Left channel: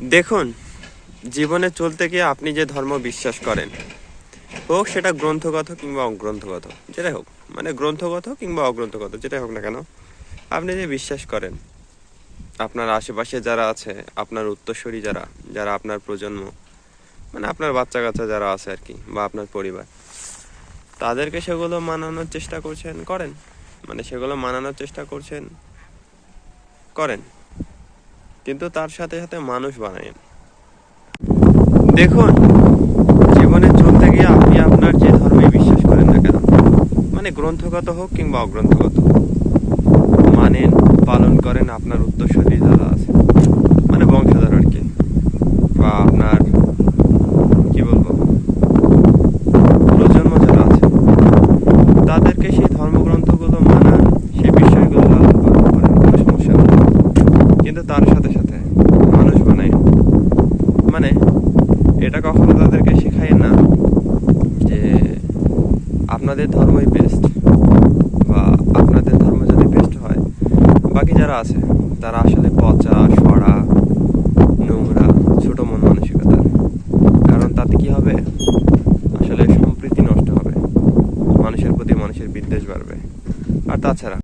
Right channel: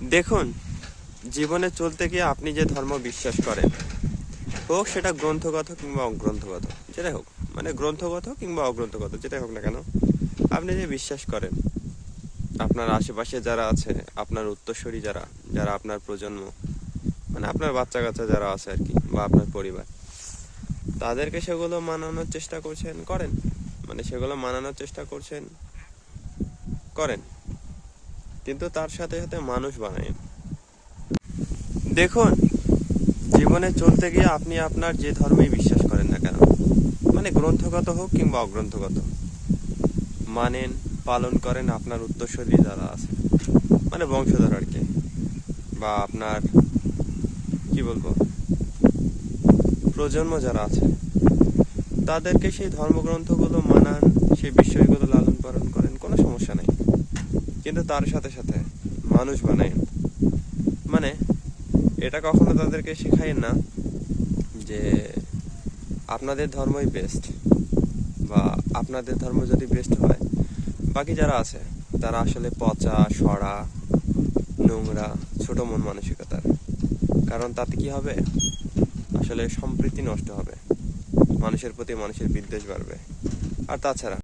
দেখুন, জীবনে চলতে গিয়ে আপনি যে ধর্ম বিশ্বাস করেন, হোক সেটা গ্রন্থগত কিংবা অগ্রন্থগত, যেটাই হোক, মানে গ্রন্থগত কিংবা অগ্রন্থগত যেটাই হোক না কেন, আপনি যে বিশ্বাস করেন, আপনার আশেপাশে যারা আছে, আপনার উত্তরসূরি যারা, যারা আপনার প্রজন্ম, মানে আপনার বাচ্চা কাচ্চা যারা আছে আর কি, বা আপনার পরিবার, তাদেরকে সেগুলো মানানোর চেষ্টা করছেন, করেন। মানে সেগুলো মানানোর চেষ্টা করছেন, করেন, কিন্তু তার সাথে সাথে মানুষ বানায়েন। দেখুন, জীবনে চলতে গিয়ে আপনি আপনার যে ধর্মে বিশ্বাস করেন না কেন, মানে গ্রন্থগত হোক কিংবা অগ্রন্থগত, মানেন, পালন করেন আপনার উত্তরসূরি যারা আছে, মানে বংশধর আর কি, বা আপনার কি বলবো, প্রজন্ম যারা আছে, তাদেরকে সেই ধর্মগ্রন্থগুলো মানান, সেই বিষয়গুলো লালন পালন করেন, কোনো সমস্যা নেই। কিন্তু তার সাথে সাথে মানুষ বানায়। মানে এটা কখনো তাদেরকে শেখায় না যে আপনাদের ধর্মই বেস্ট, বা আপনাদের ধর্ম যদি বেস্ট হয়, বাকি যারা আছে তারা আসলে পচা, সরা, নোংরা, ছোট মন মানসিকতার। কারণ তাতে কি হবে, আসলে সম্প্রীতি নষ্ট হবে, মানুষের প্রতি মানুষের বিদ্বেষ বাড়বে। আর তাছাড়া